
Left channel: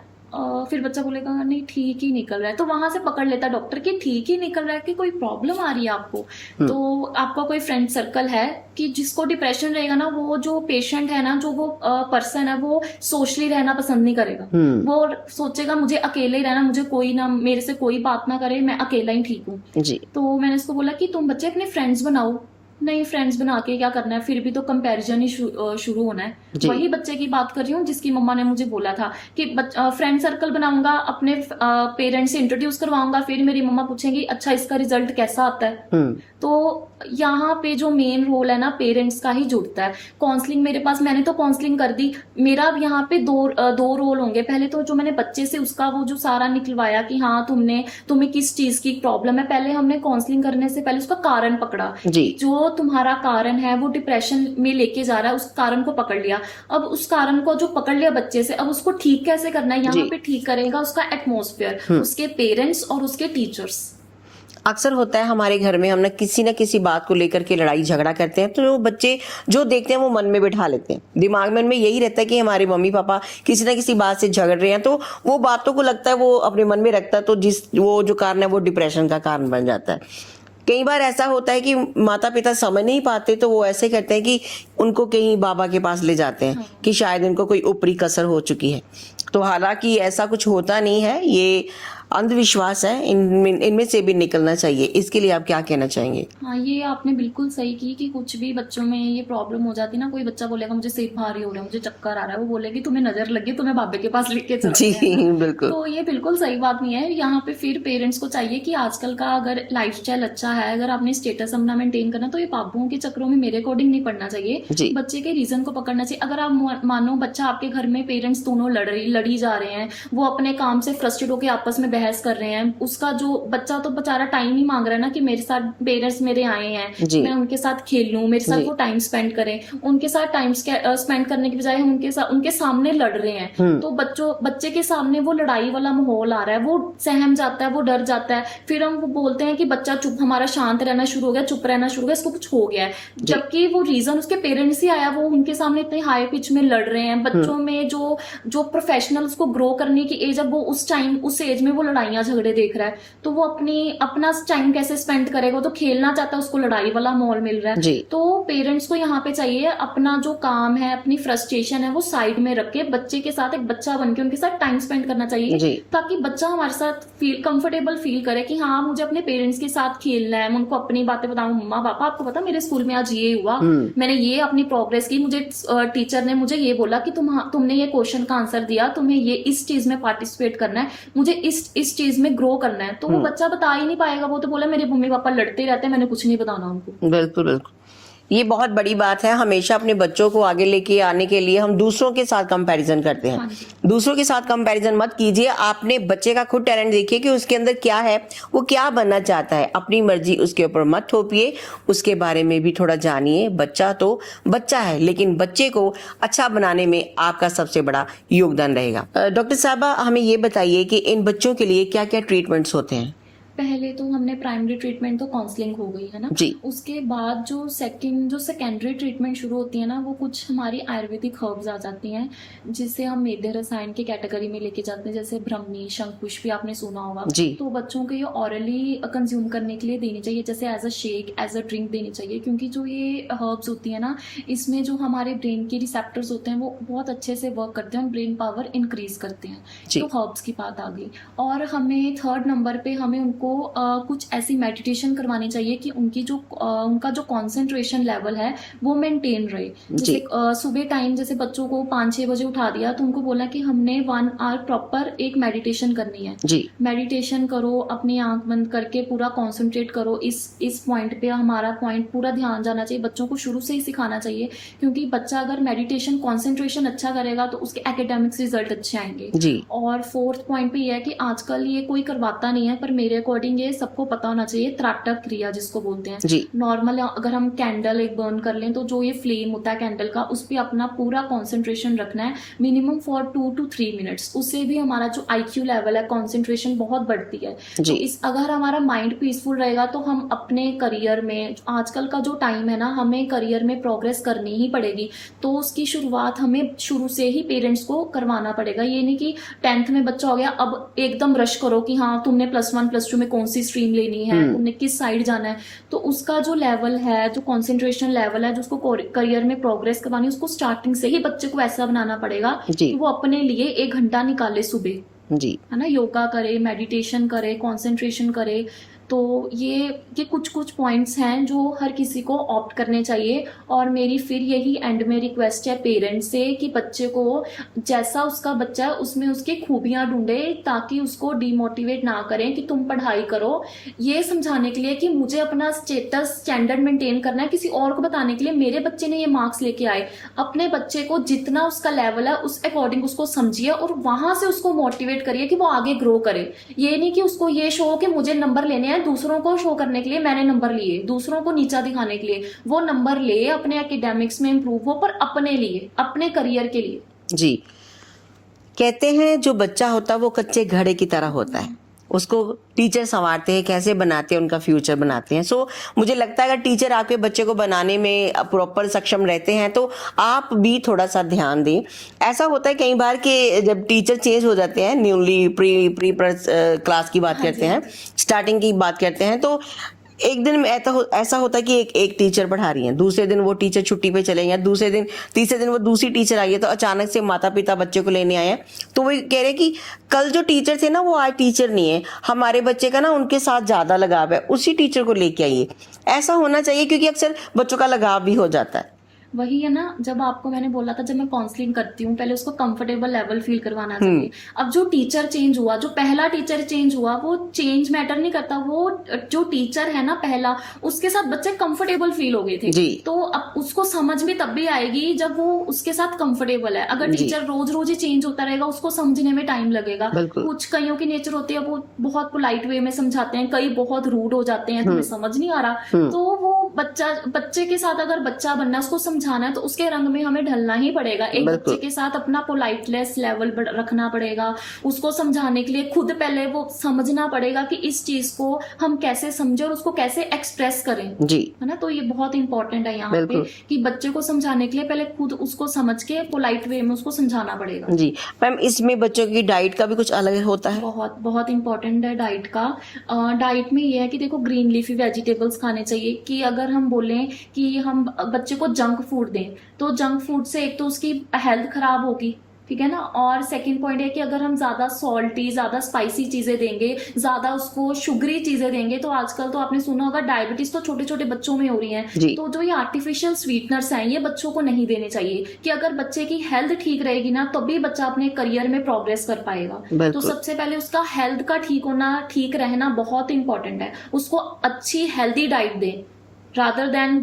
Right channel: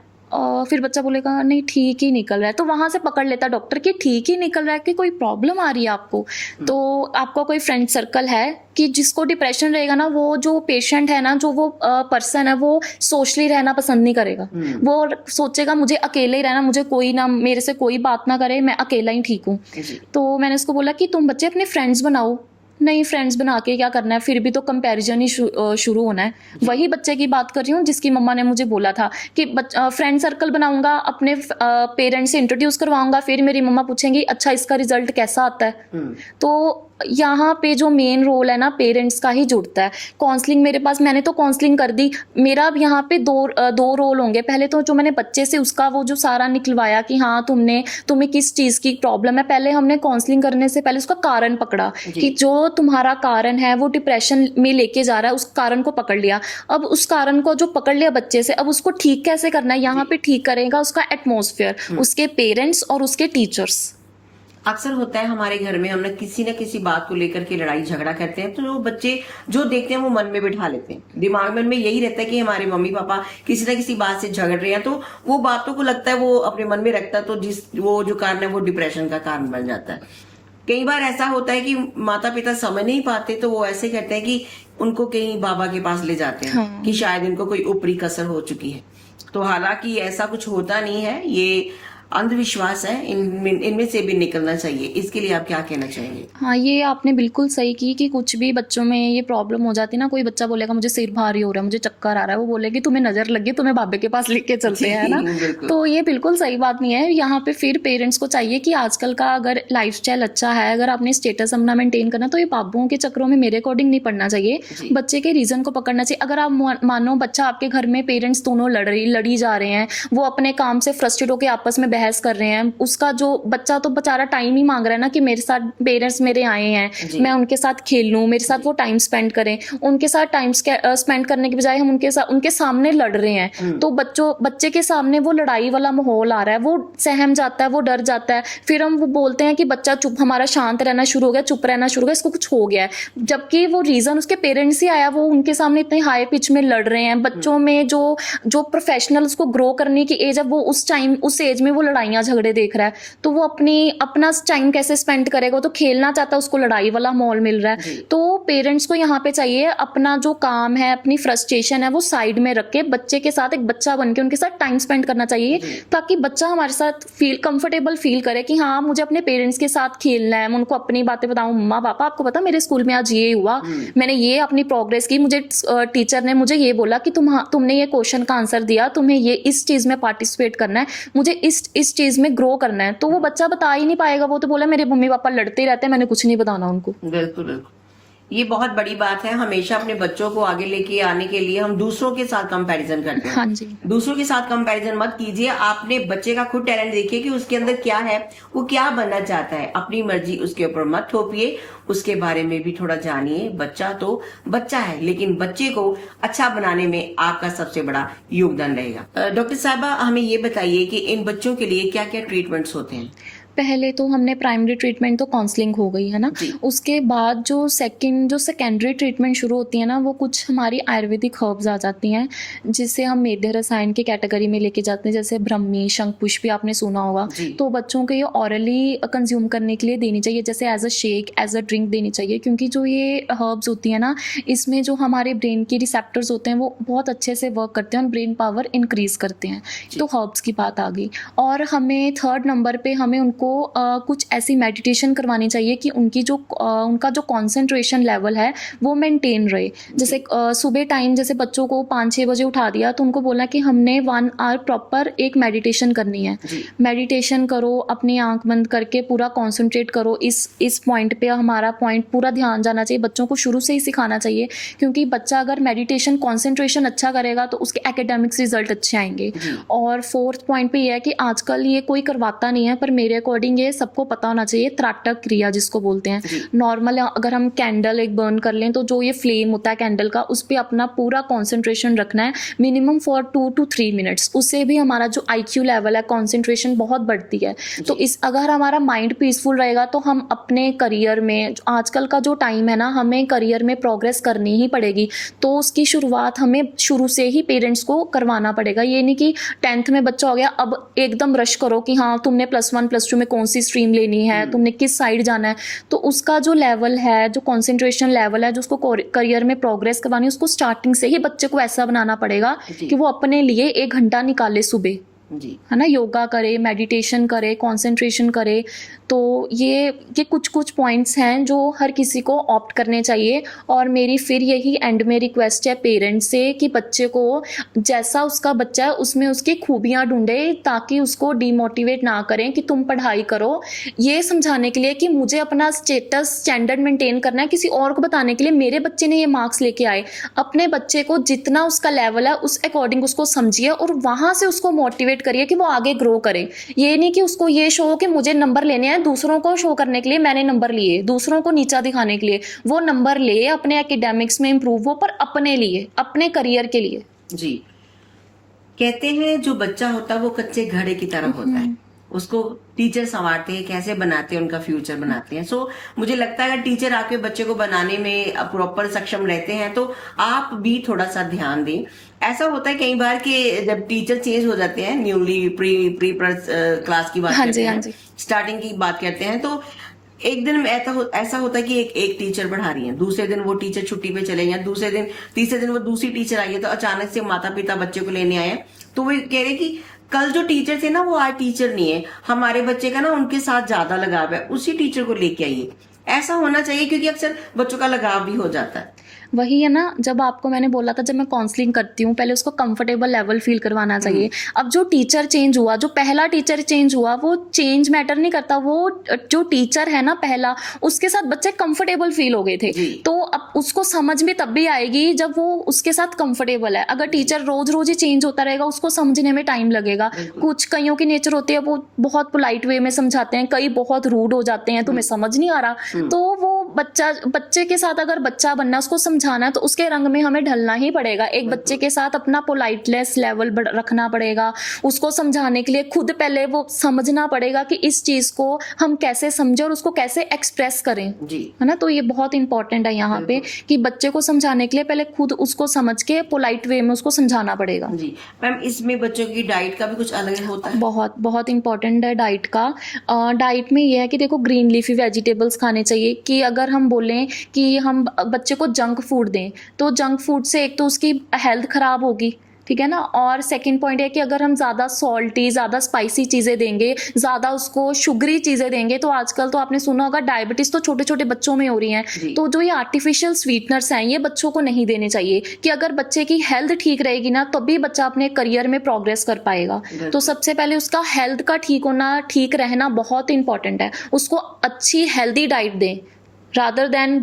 फिर बच्चा बोलेगा नहीं ठीक ही निकल रहा है, तो वहाँ से पकड़ लेता डॉक्टर कि ठीक ही निकल रहा है कि कोई प्रॉब्लम आ रही है आपको। तो आपका कोई फ्रेंड सर्कल है कि जिसको डिप्रेशन रहेगा ना, वो जो पेशेंट है ना, जो वो पर्सन है, वो सोशली रहना पसंद नहीं करेगा। वो सोचेगा मुझे अकेले ही रहना, मुझे कोई ना, मेरे से कोई बात ना करे, मैं अकेला ही ठीक हूँ। तो मैंने उसको बोला कि तुम बच्चे अपने फ्रेंड्स बनाओ। नहीं, फ्रेंड्स बना के क्या करना है, फिर भी तो कंपैरिजन ही शुरू होना है। वही बच्चे की बात कर रही हूँ जिसकी मम्मा ने मुझे बोला था कि फ्रेंड सर्कल बनाऊंगा, अपने पेरेंट्स से इंट्रोड्यूस करवाऊंगा, फिर मेरी मम्मा पूछेंगी अच्छा इसका रिजल्ट कैसा आता है। तो यहाँ पे जो मेन रोल है ना, पेरेंट्स का ही जुड़ता है। काउंसलिंग मेरे पास, मैंने तो काउंसलिंग कर दी, मेरा अब यहाँ पे दो रोल होंगे। पहले तो जो मैंने बच्चे से उसका वो जो सारा निकलवाया कि हाँ तुम्हें किस चीज की प्रॉब्लम है, पहले हमने काउंसलिंग करने से पहले उसका कारण पकड़ा कि जो तुम्हारा कारण है वो डिप्रेशन में लेके जा रहा है, उस कारण को पकड़ लिया। अब उस कारण को जो पकड़ लिया बच्चे से, अब उसको ठीक कैसे करना है, यहाँ पे ठीक करेगा उसका एटमॉस्फेयर, उसके पेरेंट्स और उसके टीचर्स। अक्सर होता है हमारे घर में, हम ना किसी बात को लेकर के लड़ाई झगड़ा करते हैं, तो वो बच्चे जो देखते हैं वो मन में बिठा लेते हैं, दिमाग में यही रहता है कि हमारे मम्मी पापा किसी ना किसी बात से झगड़ रहे हैं, तो वो बातों को लगता है वो अपने मन में रखता है, तो वो जो कारण है वो डिप्रेशन का कारण बन जाता है। कई बार ऐसा होता है कि माता पिता समझ नहीं पाते, तो वो ऐसे कहते हैं कि उनको कहीं बाबा के पास ले जाते हैं कि शायद इनको कोई ऊपरी कसर हो चुकी है। तो हालांकि ऐसा कुछ होता नहीं है, ये अंधविश्वास है, इनमें से भी निकलना चाहिए। इसके लिए आप क्या कहना चाहेंगे? हाँ, ये आपने बिल्कुल सही की कि कुछ भी बच्चों में ये प्रॉब्लम हो जाती है ना, कोई बच्चा बोलेगा मुझे सिर भारी हो रहा है, मुझे चक्कर आ रहा है, वो बोलेगी तुम्हें नजर लगी, तुम्हें बाबे के पास लेके चलते हैं ना। तो ये बिल्कुल सही बात नहीं है। यहाँ पे फिर पेरेंट्स को चाहिए कि आजकल का अगर लाइफस्टाइल अच्छा है, अगर आपने स्टेटस अपना मेंटेन करना, तो ये बाबुओं के चक्करों में मेरे अकॉर्डिंग नहीं पड़ना चाहिए, बच्चे के रीजन को पकड़ना चाहिए। अगर आप मानो बच्चा आपके घर में पेरेंट्स दोनों लड़ी जा रहे हैं, वो अपने काम से फ्रस्ट्रेट होकर आपस में बहस कर रहे हैं, उसका जो बच्चा तो बेचारा टाइम ही मांग रहा है ना कि मेरे साथ पेरेंट्स मेरे आए हैं, मैं उनके साथ खेल लूं, मेरे साथ वो टाइम स्पेंड करें। उनके साथ टाइम स्पेंड करने के बजाय हम उनके सामने लड़ रहे हैं, तो बच्चे के सामने वो लड़ाई वाला माहौल आ रहा है, वो सहम जाता है, वो डर जाता है। फिर हम वो बोलते हैं कि बच्चा चुप, हमारा शांत रहना शुरू हो गया, चुप रहना शुरू हो गया, इसको कुछ हो गया है, जबकि वो रीजन उसके पेरेंट्स ही आया। वो उनके सामने इतने हाई पिच में लड़ रहे हैं। बच्चों में जो प्रोफेशनल उसको ग्रो करने की एज है, वो उस एज में वो लड़ाइयां झगड़े देख रहा है, तो वो अपना टाइम कैसे स्पेंड करेगा? तो खेलना चाहता है, उसको लड़ाई वाला माहौल मिल रहा है। तो पेरेंट्स को यहाँ पे चाहिए अपना जो काम है, अपनी फ्रस्ट्रेशन है, वो साइड में रख के बच्चे के साथ एक बच्चा बन के उनके साथ टाइम स्पेंड करना चाहिए, ताकि बच्चा हमारे साथ कंफर्टेबल फील करे कि हाँ मुझे अपने पेरेंट्स के साथ खेलना है। मैं उनको अपनी बातें बताऊं, मम्मा पापा आपको पता मेरे स्कूल में आज ये हुआ, मैंने ये अपनी प्रोग्रेस की, मुझे टीचर ने मुझे ये बोला कि तुमने ये क्वेश्चन का आंसर दिया, तुम्हें ये इस चीज में पार्टिसिपेट करना है, मुझे इस चीज में ग्रो करना है। तो वो बच्चा बता ही नहीं पाएगा, वो तो बोला मेरे मम्मी पापा लड़ते ही रहते हैं, मैंने कुछ नहीं बताना उनको। बिल्कुल बिल्कुल, ये बहुत बड़ी बात है। हमेशा अपने बच्चों को आगे लेके आने के लिए हम दूसरों के साथ कंपैरिजन करते हैं। हाँ जी। दूसरों के साथ कंपैरिजन मत कीजिए, आपने बच्चे का खुद टैलेंट देखिए कि उसके अंदर क्या है, वो क्या बनना चाहता है, अपनी मर्जी उसके ऊपर मत थोपिए, उसके बारे में भी थोड़ा जानिए। बच्चा तो बच्चा है, लेकिन बच्चे को अच्छा बनाने में आपका सबसे बड़ा योगदान रहेगा। डॉक्टर साहबा, हमें ये बताइए कि इन बच्चों के लिए क्या क्या ट्रीटमेंट्स होते हैं? पहले तो हमने प्राइमरी ट्रीटमेंट तो काउंसलिंग हो गई है ना, उसके बाद जो सेकेंडरी ट्रीटमेंट शुरू होती है ना, वो कुछ हमारी आयुर्वेदिक हर्ब्स आ जाती हैं, जिसे हम मेध्य रसायन की कैटेगरी में लेके जाते हैं। जैसे ब्रह्मी, शंखपुष्पी आपने सुना होगा, तो बच्चों को ये ऑरली कंज्यूम करने के लिए देनी चाहिए, जैसे as a shake, as a drink देनी चाहिए, क्योंकि जो ये हर्ब्स होती है ना, इसमें जो हमारे ब्रेन की रिसेप्टर्स होते हैं वो बहुत अच्छे से वर्क करते हैं और ब्रेन पावर इंक्रीज करते हैं। तो हर्ब्स की बात आ गई। और हमें थर्ड नंबर पे हमें उनको कुछ ऐसी मेडिटेशन करवानी चाहिए कि उनका जो कंसंट्रेशन लेवल है वो मेंटेन रहे। जैसे सुबह टाइम, जैसे बच्चों को 5-6 बजे उठा दिया, तो उनको बोला कि हमने 1 आवर प्रॉपर एक मेडिटेशन करनी है। मेडिटेशन करो, अपनी आंख बंद करके पूरा कॉन्सेंट्रेट करो, इस पॉइंट पे हमारा पॉइंट पूरा ध्यान जाना चाहिए। बच्चों को शुरू से ही सिखाना चाहिए, क्योंकि बच्चा अगर मेडिटेशन कॉन्सेंट्रेशन अच्छा करेगा तो उसके एकेडमिक्स रिजल्ट अच्छे आएंगे। और फोर्थ पॉइंट पे ये है कि आजकल ये कोई करवाता नहीं है, पर मेरे को अकॉर्डिंग ये सबको पता होना चाहिए, त्राटक क्रिया जिसको बोलते हैं। जी। नॉर्मल अगर हम कैंडल एक बर्न कर लें तो जो ये फ्लेम होता है कैंडल का, उस पर अपना पूरा कॉन्सेंट्रेशन रखना है मिनिमम फॉर 2 to 3 मिनट्स। उससे भी हमारा जो IQ लेवल है, कॉन्सेंट्रेशन बहुत बढ़ती है। तो इस अगर हमारा माइंड पीसफुल रहेगा तो हम अपने करियर में, आजकल का जो टाइम है ना, हमें करियर में प्रोग्रेस करनी ही पड़ेगी। तो उसकी शुरुआत हमें शुरू से ही पेरेंट्स को करवाना पड़ेगा। ये नहीं कि 10th में बच्चा हो गया अब एकदम रश करो कि हाँ तुमने +1 +2 में कौन सी स्ट्रीम लेनी है, तुमने किस साइड जाना है। तो उसका जो लेवल है, जो कंसंट्रेशन लेवल है, जो उसको करियर में प्रोग्रेस करवानी है, उसको स्टार्टिंग से ही बच्चे को ऐसा बनाना पड़ेगा कि वो अपने लिए 1 घंटा निकाले सुबह, जी, है ना, योगा करे, मेडिटेशन करे, कंसंट्रेशन करे। तो ये कुछ पॉइंट्स हैं जो हर किसी को ऑप्ट करने चाहिए। और मेरी फिर यही एंड में रिक्वेस्ट है पेरेंट्स से कि बच्चे को जैसा उसका बच्चा है उसमें उसकी खूबियां ढूंढे, ताकि उसको डिमोटिवेट ना करें कि तुम पढ़ाई करो, ये समझाने के लिए कि मुझे अपना स्टैंडर्ड मेंटेन करना है, किसी और को बताने के लिए मेरे बच्चे ने ये मार्क्स लेके आए। अपने बच्चे को जितना उसका लेवल है उस अकॉर्डिंग उसको समझिए और वहां से उसको मोटिवेट करिए कि वो आगे ग्रो करे। ये नहीं कि उसको ये शो हो कि मुझे नंबर लेने हैं, दूसरों को शो करने के लिए मैंने नंबर लिए, दूसरों को नीचा दिखाने के लिए। वो नंबर ले, अपने एकेडमिक्स में इंप्रूव हो, पर अपने लिए, अपने करियर के लिए। जी। कहते हैं जो बच्चा होता है वो कच्चे घड़े की तरह होता है, उसको टीचर संवारते हैं, कैसे बनाते हैं, उनका फ्यूचर बनाते हैं। सो मुझे लगता है अगर टीचर आपके बच्चे को बनाने में प्रॉपर सक्षम रहते हैं तो आप भी थोड़ा सा ध्यान दें। ऐसा होता है कई बार कि जब टीचर चेंज हो जाते हैं, न्यूली प्री क्लास की बात करते हैं, स्टार्टिंग की बात करते हैं, तो एक दिन ऐसा होता है कि एक टीचर पढ़ा रही है, दूसरे दिन वो टीचर छुट्टी पे चले गए, दूसरे दिन तीसरे दिन वो दूसरी टीचर आई है, तो अचानक से माता पिता बच्चे को लेने आए, तो वो कह रहे कि कल जो टीचर थे ना वो आज टीचर नहीं है, हमारे बच्चे का ना उनके साथ ज्यादा लगाव है, उसी टीचर को लेके आइए। ऐसा होना चाहिए क्योंकि अक्सर बच्चों का लगाव भी हो जाता है। वही है ना, जब आपको मैंने बोला था, जब मैं काउंसलिंग करती हूँ पहले उसको कंफर्टेबल लेवल फील करवाना चाहिए। अब जो टीचर चेंज हुआ, जो पहला टीचर चेंज हुआ, वो चेंज मैटर नहीं करता, वो जो टीचर है ना पहला, उसके साथ बच्चे कंफर्टेबल फील हो गए थे। तो अब उसको समझ में तब भी आएगी जब वो उसके साथ कंफर्टेबल है। अगर टीचर रोज रोज ही चेंज होता रहेगा उसको समझने में टाइम लगेगा। कुछ कईयों की नेचर होती है वो बहुत पोलाइट वे में समझाते हैं, कई बहुत रूड हो जाते हैं, तुम्हें समझ नहीं आ रहा। तो वो बच्चे के साथ अगर बच्चा बनना, उसको समझाना है, तो उसके रंग में हमें ढलना ही पड़ेगा। एक बच्चे के साथ अपना पोलाइटनेस लेवल रखना पड़ेगा, उसको समझाने के लिए खुद पहले वो समझना पड़ेगा कि इस चीज को हम कैसे समझे और उसको कैसे एक्सप्रेस करें जी, है ना। तो ये बहुत इंपॉर्टेंट है यहाँ पे कि बच्चे को समझाने के लिए पहले खुद उसको समझ के पोलाइट वे में उसको समझाना पड़ेगा जी। मैम इसमें बच्चों की डाइट का भी कुछ अलग होता है? बहुत बहुत इंपॉर्टेंट है डाइट का। डाइट में ये है कि देखो ग्रीन लीफी वेजिटेबल्स खाने चाहिए। कि अगर हम बोलें कि हम बच्चे को जंक फूड दें तो जंक फूड से एक तो उसकी हेल्थ खराब होगी, ठीक है ना। और सेकंड पॉइंट है कि अगर हम ज़्यादा सॉल्टी, ज़्यादा स्पाइसी चीज़ें देंगे, ज़्यादा उसको शुगरी चीज़ें देंगे, तो आजकल तो आपने सुना होगा डायबिटीज़ तो छोटे छोटे बच्चों में हो रही हैं। तो जो ये आर्टिफिशियल स्वीटनर्स हैं ये बच्चों को नहीं देने चाहिए। कि अगर बच्चे की हेल्थ ठीक रहेगी ना तभी बच्चा अपने करियर में प्रोग्रेस कर पाएगा। तो सबसे पहले उसका हेल्थ का ठीक होना, ठीक रहना बहुत इंपॉर्टेंट है। उसको अच्छी हेल्दी डाइट दें रादर देन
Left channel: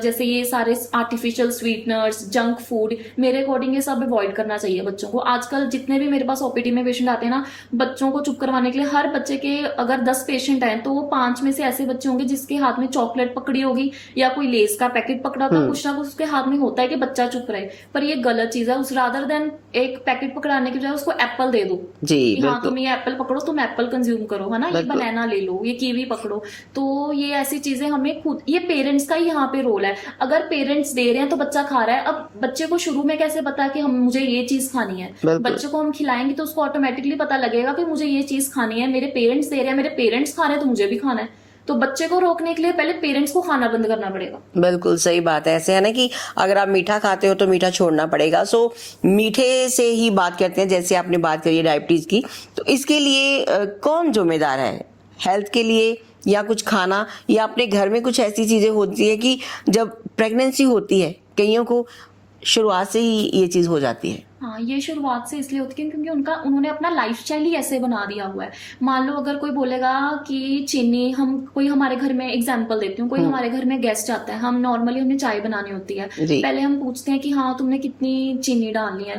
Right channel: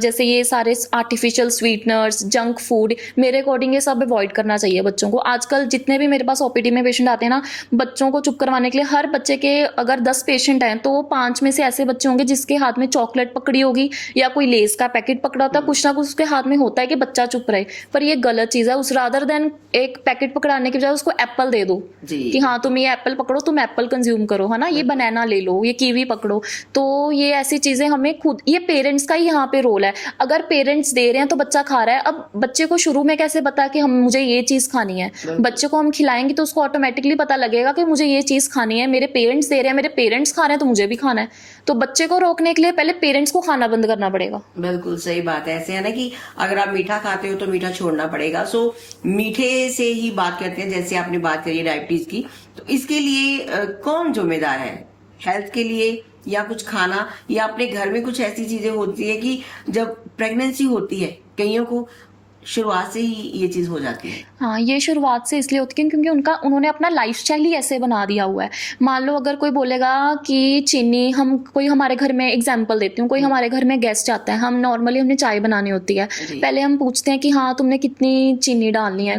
जैसे ये सारे आर्टिफिशियल स्वीटनर्स, जंक फूड, मेरे अकॉर्डिंग ये सब अवॉइड करना चाहिए बच्चों को। आजकल जितने भी मेरे पास ओपीडी में पेशेंट आते हैं ना, बच्चों को चुप करवाने के लिए, हर बच्चे के अगर 10 पेशेंट हैं तो 5 में से ऐसे बच्चे होंगे जिसके हाथ में चॉकलेट पकड़ी होगी या कोई लेस का पैकेट पकड़ा होता है, कुछ ना कुछ उसके हाथ में होता है कि बच्चा चुप रहे। पर ये गलत चीज है। उस रादर देन एक पैकेट पकड़ाने की बजाय उसको एप्पल दे दो कि हाँ तुम ये एप्पल पकड़ो, तुम एप्पल कंज्यूम करो, है ना। ये बनाना ले लो, ये कीवी पकड़ो। तो ये ऐसी चीजें हमें खुद, ये पेरेंट्स का ही यहाँ पे रोल है। अगर पेरेंट्स दे रहे हैं तो बच्चा खा रहा है। अब बच्चे को शुरू में कैसे पता कि हम मुझे ये चीज खानी है? बच्चे को हम खिलाएंगे तो उसको ऑटोमेटिकली पता लगेगा कि मुझे ये चीज खानी है, मेरे पेरेंट्स दे रहे हैं, मेरे पेरेंट्स खा रहे हैं तो मुझे भी खाना है। तो बच्चे को रोकने के लिए पहले पेरेंट्स को खाना बंद करना पड़ेगा। बिल्कुल सही बात है। ऐसे है ना कि अगर आप मीठा खाते हो तो मीठा छोड़ना पड़ेगा। सो मीठे से ही बात करते हैं, जैसे आपने बात करी डायबिटीज की, तो इसके लिए कौन जिम्मेदार है? हेल्थ के लिए या कुछ खाना, या अपने घर में कुछ ऐसी चीजें होती है कि जब प्रेगनेंसी होती है कईयों को शुरुआत से ही ये चीज हो जाती है? हाँ, ये शुरुआत से इसलिए होती है क्योंकि उन्होंने अपना लाइफस्टाइल ही ऐसे बना दिया हुआ है। मान लो अगर कोई बोलेगा कि चीनी, कोई हमारे घर में, एग्जांपल देती हूँ, कोई हमारे घर में गेस्ट आता है, हम नॉर्मली हमने चाय बनानी होती है, जी। पहले हम पूछते हैं कि हाँ तुमने कितनी चीनी डालनी है।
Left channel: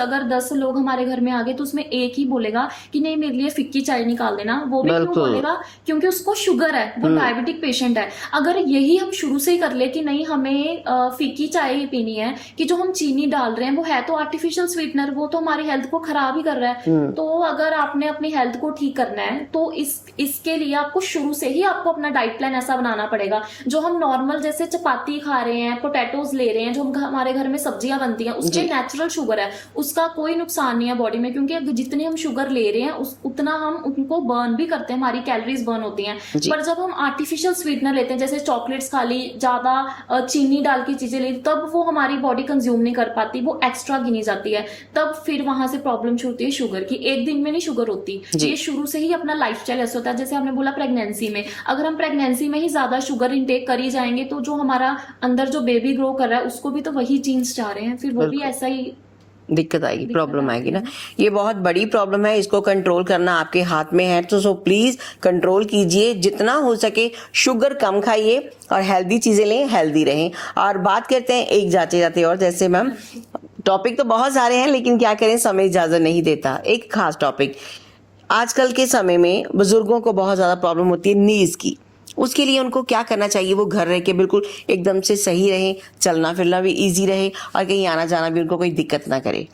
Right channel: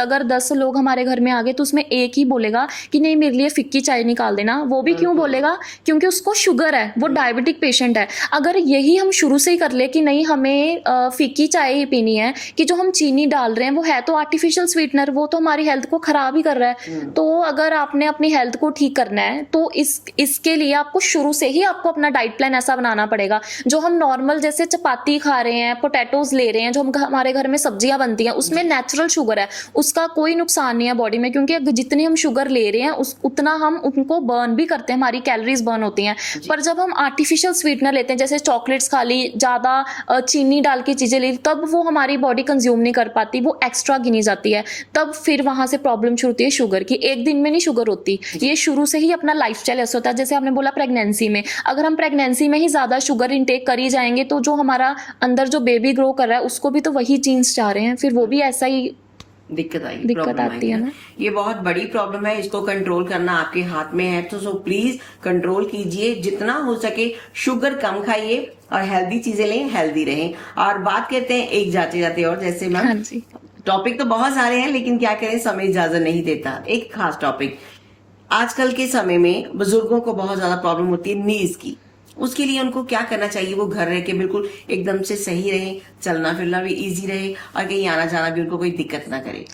अगर 10 लोग हमारे घर में आ गए तो उसमें एक ही बोलेगा कि नहीं मेरे लिए फिक्की चाय निकाल देना। वो भी क्यों बिल्कुल। बोलेगा? क्योंकि उसको शुगर है, वो डायबिटिक पेशेंट है। अगर यही हम शुरू से ही कर ले कि नहीं हमें फीकी चाय ही पीनी है, कि जो हम चीनी डाल रहे हैं वो है तो आर्टिफिशियल स्वीटनर, वो तो हमारी हेल्थ को खराब ही कर रहा है। तो अगर आपने अपनी हेल्थ को ठीक करना है तो इसके लिए आपको शुरू से ही आपको अपना डाइट प्लान ऐसा बनाना पड़ेगा। जो हम नॉर्मल जैसे चपाती खा रहे हैं, पोटैटोज ले रहे हैं, जो हमारे घर में सब्जियां बनती हैं, उसमें नेचुरल शुगर है, उसका कोई नुकसान नहीं है बॉडी में, क्योंकि जितनी हम शुगर ले रहे हैं उतना हम उनको बर्न भी करते हैं, हमारी कैलोरीज बर्न होती हैं। पर जब हम आर्टिफिशियल स्वीटनर लेते हैं, जैसे चॉकलेट्स खा ली, ज्यादा चीनी डाल के चीजें ली, तब वो हमारी बॉडी कंज्यूम नहीं कर पाती, वो एक्स्ट्रा गिनी जाती है। तब फिर वहां से प्रॉब्लम शुरू होती है शुगर की। एक दिन में नहीं शुगर होती, ये शुरू से ही अपना लाइफस्टाइल ऐसा होता है। जैसे आपने बोला प्रेगनेंसी में, अगर हम प्रेगनेंसी में ही ज्यादा शुगर इनटेक कर ही जाएंगे तो जो हमारा अंदर जो बेबी ग्रो कर रहा है उसको भी तो वही जीन्स चाह रहे हैं, फिर वो भी ऐसा ही दिक्कत आएगी, प्रॉब्लम आएगी ना। ना। ये बहुत बड़ी प्रॉब्लम है, इसको कंट्रोल करना आपके हाथ में है। तो सो प्लीज कंट्रोल कीजिए, जितना हो सके शुगर कम खाइए और हेल्दी चीजें लें, हेल्दी रहें। और बात करते हैं एक जाते जाते और, जैसे मैम टॉपिक तो बहुत सारे हैं लेकिन क्या करें, समय इजाजत नहीं देता। एक खास टॉपिक, आजकल के समय में बुजुर्गों को बहुत ज्यादा प्रॉब्लम होती है नीज की। उसके लिए उनको क्या करना चाहिए? वो घर रह के बिल्कुल एकदम से सही रहे, चलना फिरना भी इजी रहे और कहीं आना जाना भी उनको कोई दिक्कत ना करे।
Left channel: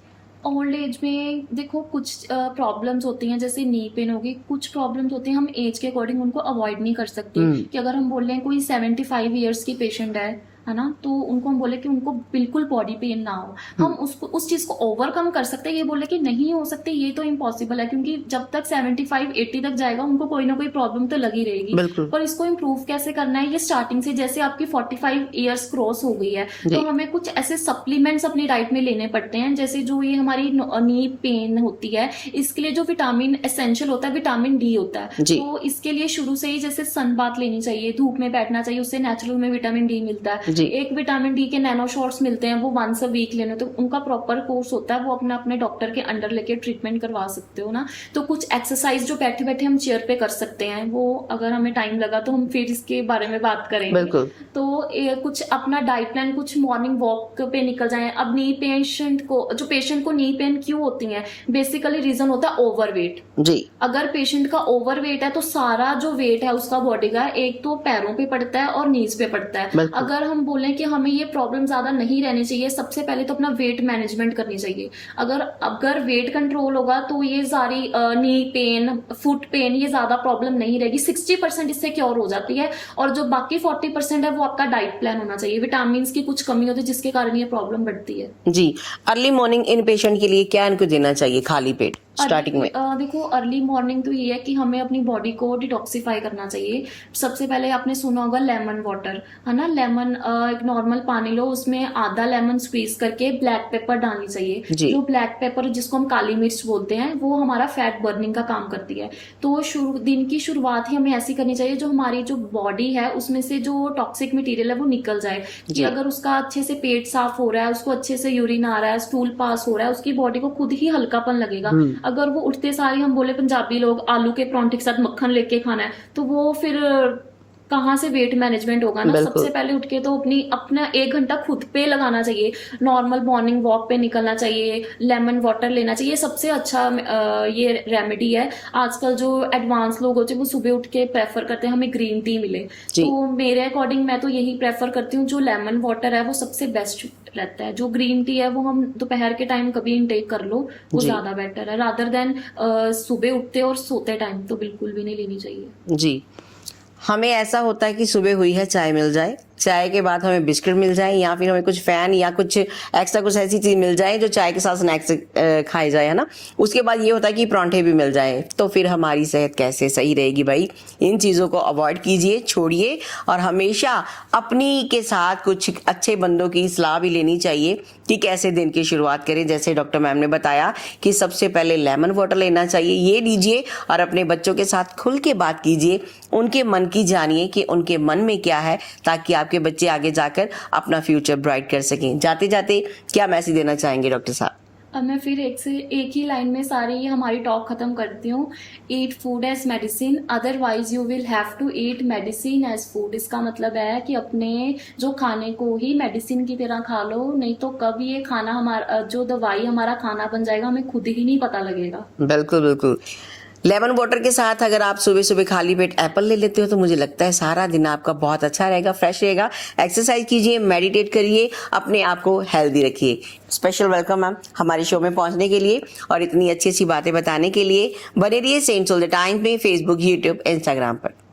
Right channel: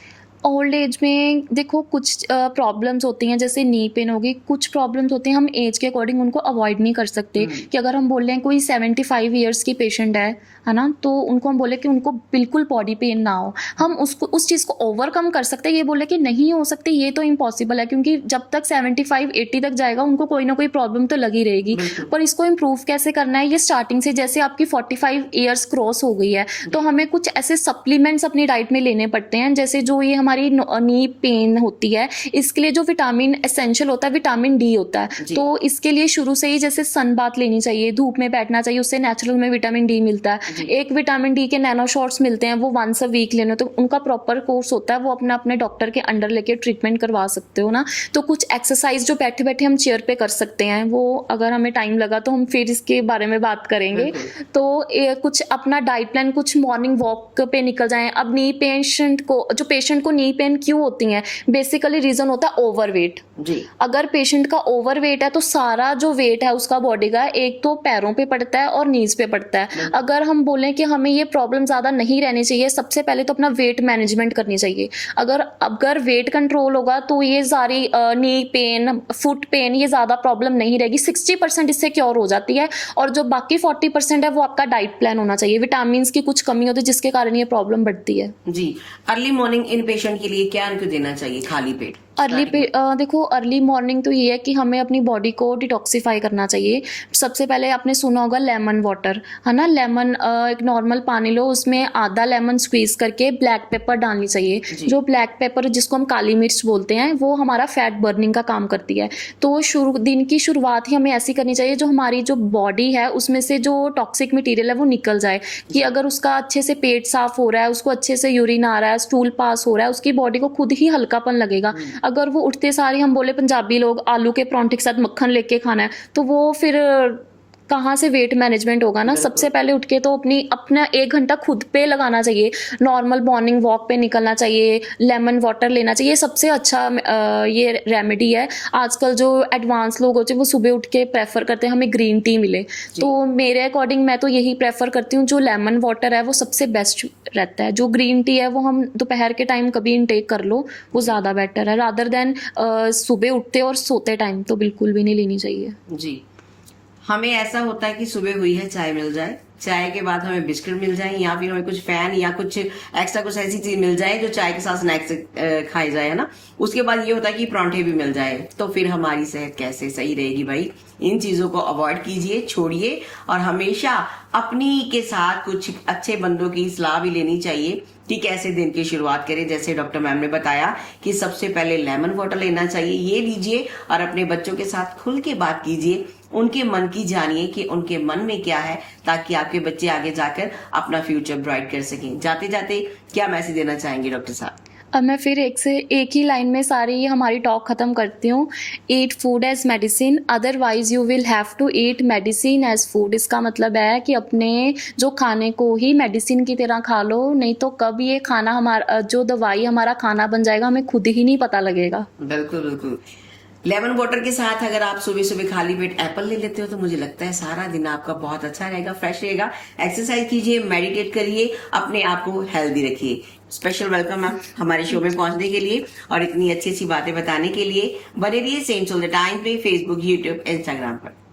ओल्ड एज में देखो कुछ प्रॉब्लम्स होती हैं, जैसे नी पेन होगी, कुछ प्रॉब्लम्स होती हैं हम एज के अकॉर्डिंग उनको अवॉइड नहीं कर सकते। कि अगर हम बोल रहे हैं कोई 75 ईयर्स की पेशेंट है ना, तो उनको हम बोले कि उनको बिल्कुल बॉडी पेन ना हो, हम उस चीज़ को ओवरकम कर सकते हैं। ये बोले कि नहीं हो सकते, ये तो इम्पॉसिबल है, क्योंकि जब तक 75-80 तक जाएगा उनको कोई ना कोई प्रॉब्लम तो लगी रहेगी। पर इसको इम्प्रूव कैसे करना है, ये स्टार्टिंग से, जैसे आपकी 45 ईयर्स क्रॉस हो गई है तो हमें कुछ ऐसे सप्लीमेंट्स अपनी डाइट में लेने पड़ते हैं। जैसे जो ये हमारी नी पेन होती है, इसके लिए जो विटामिन एसेंशियल होता है, विटामिन डी होता है। तो इसके लिए शुरू से ही जैसे सन बाथ लेनी चाहिए, धूप में बैठना चाहिए, उससे नेचुरल में विटामिन डी मिलता है। एक विटामिन डी के नैनो शॉट्स मिलते हैं, वो वंस अ वीक लेने, तो उनका प्रॉपर कोर्स होता है, वो अपने डॉक्टर के अंडर लेके ट्रीटमेंट करवा सकते हो ना। तो कुछ एक्सरसाइज जो बैठे बैठे हम चेयर पे कर सकते हैं, वो अगर हमें टाइम लगा तो हम फिर इसके बारे में बात करेंगे। तो कुछ अपना डाइट प्लान, कुछ मॉर्निंग वॉक पे निकल जाएं। अब नी पेशेंट को नी पेन क्यों होती है, बेसिकली रीजन होता है ओवरवेट जी। अगर पेशेंट का ओवरवेट है तो सारा जो वेट है उसका बॉडी का, एक तो पैरों पे पड़ता है और नीज पे पड़ता है। अगर हम बोलें कि हमें ये प्रॉब्लम ज्यादा नहीं रहनी चाहिए, सबसे पहले तो अपना वेट मैनेजमेंट करनी चाहिए। अगर वेट कंट्रोल होगा तो ये सारी नी पेन, फुट पेन, ये ज्यादा प्रॉब्लम नहीं रहेगी। 60% इससे क्योर हो जाती है, और जो बाकी 40% है वो आपका डाइट प्लान होना चाहिए। विटामिन की कुछ कमी होती है जिसके कारण ये प्रॉब्लम बढ़ती है जी। अर्ली मॉर्निंग इन पेशेंट के लिए क्या इनको देना चाहिए खाली पेट? देखो अर्ली मॉर्निंग तो ये है कि हमें अपनी बॉडी को डिटॉक्सिफाई करना चाहिए। सबसे पहले आपने सुना होगा लेमन वाटर, है ना। लेमन एक नॉर्मल पानी लो, उसमें आधा लेमन स्क्वीज करके ब्लैक पेपर डालनी चाहिए। जो ब्लैक पेपर जिसको हम काली मिर्च बोलते हैं, वो हमारा फैट बर्निंग का काम करती है। तो दिन की शुरुआत ही हमें ऐसी करनी चाहिए जो हमारी जो बॉडी है उसमें से जो टॉक्सिक मटीरियल है वो निकल जाए। कि अगर उसका अच्छे से पेट साफ हो रहा है, उसको अच्छे से यूरिन आ रहा है, स्टूल पास हो रहा है, उसकी बॉडी को खुद ही हल्कापन लगेगा। अगर वो उठते सारी, हम बोले पंजाबी लोग आलू के परांठे के साथ मक्खन लेके खाना है, तो वो फिर कहाँ से वेट मैनेजमेंट होगा ना। सबसे पहले उठ के तो अपना 1 घंटा खुद पे लगाना चाहिए। नॉर्मल मॉर्निंग वॉक पे निकलना चाहिए, लेमन वाटर लेना चाहिए। सबसे अच्छा ये रेमेडी है। आजकल जो एडवांस लोग होते हैं वो सुबह उठ के प्रेफर करते हैं हमें ग्रीन टी मिले, तो मेरे अकॉर्डिंग मैं तो यही प्रेफर करती हूँ। जो लेमन वाटर है वो सबसे बेस्ट रहता है। जो ग्रीन टी है वो हम दोपहर के टाइम कभी इनटेक कर लो, वो ज्यादा बेटर है, रादर देन सुबह उठते और सोते टाइम तो बिल्कुल भी नहीं लेनी चाहिए जी। हमें ऐसा होता है कि सुबह हुई है चाय मिल जाए, चाय के बाद हमें बिस्किट मिल जाए, या फिर हमें कुछ फैन या कुछ एक्स्ट्रा कुछ ऐसी चीज मिल जाए जो चाय के साथ स्नैक्स खाई जाए, है ना। उसके बाद ये होता है कि परांठे भी मिल जाए, तो फिर हमारी सेहत कैसे सही रहेगी भाई। इन चीजों को अवॉइड कीजिए, छोड़िए, और हमेशा अपनी के साथ कुछ अच्छे बंदों की सलाह भी लेनी चाहिए कि कैसे दिन की शुरुआत करें। जैसे डॉक्टर मैम ने बताया कि सबसे पहले लेमन वाटर लेना चाहिए, ये लीजिए और अपने बच्चों के साथ खुल के बात कीजिए, उनके मन की जानिए कि उनके मन में क्या है, ताकि आपके बच्चे आगे जाकर अपना फ्यूचर ब्राइट कर सकें। जाते जाते क्या मैसेज देना चाहेंगे डॉक्टर साहब? अब मैं फिर एक ही लाइन में सारी हमारी टॉक ख़त्म करती हूँ। Eat food as medicine, otherwise you will have to eat medicine as food. इसका मतलब है कि अपने जो खाने को ही मेडिसिन की तरह खा लो, नहीं तो कब ये खाना हमारा, जो दवाई हमारा खाना बन जाएगा, हमें खुद ही नहीं पता लगेगा। बिल्कुल बिल्कुल। लेमन वाटर के साथ अगर आप सुबह सुबह खाली पेट एप्पल ले लेते हो तो मुझे लगता है सारा दिन आपका बहुत अच्छा रहेगा, फ्रेश रहेगा। एक्सरसाइज कीजिए, मेडिटेट करिए, अपने आप को हेल्दी रखिए। स्पेशल वेलकम मैम हमारे शो में पहुंचने के लिए और इतनी अच्छी अच्छी बातें बताने के लिए। बने रहिए सेंट सोल द टाइम्स में, फेसबुक, यूट्यूब, इंस्टाग्राम पर।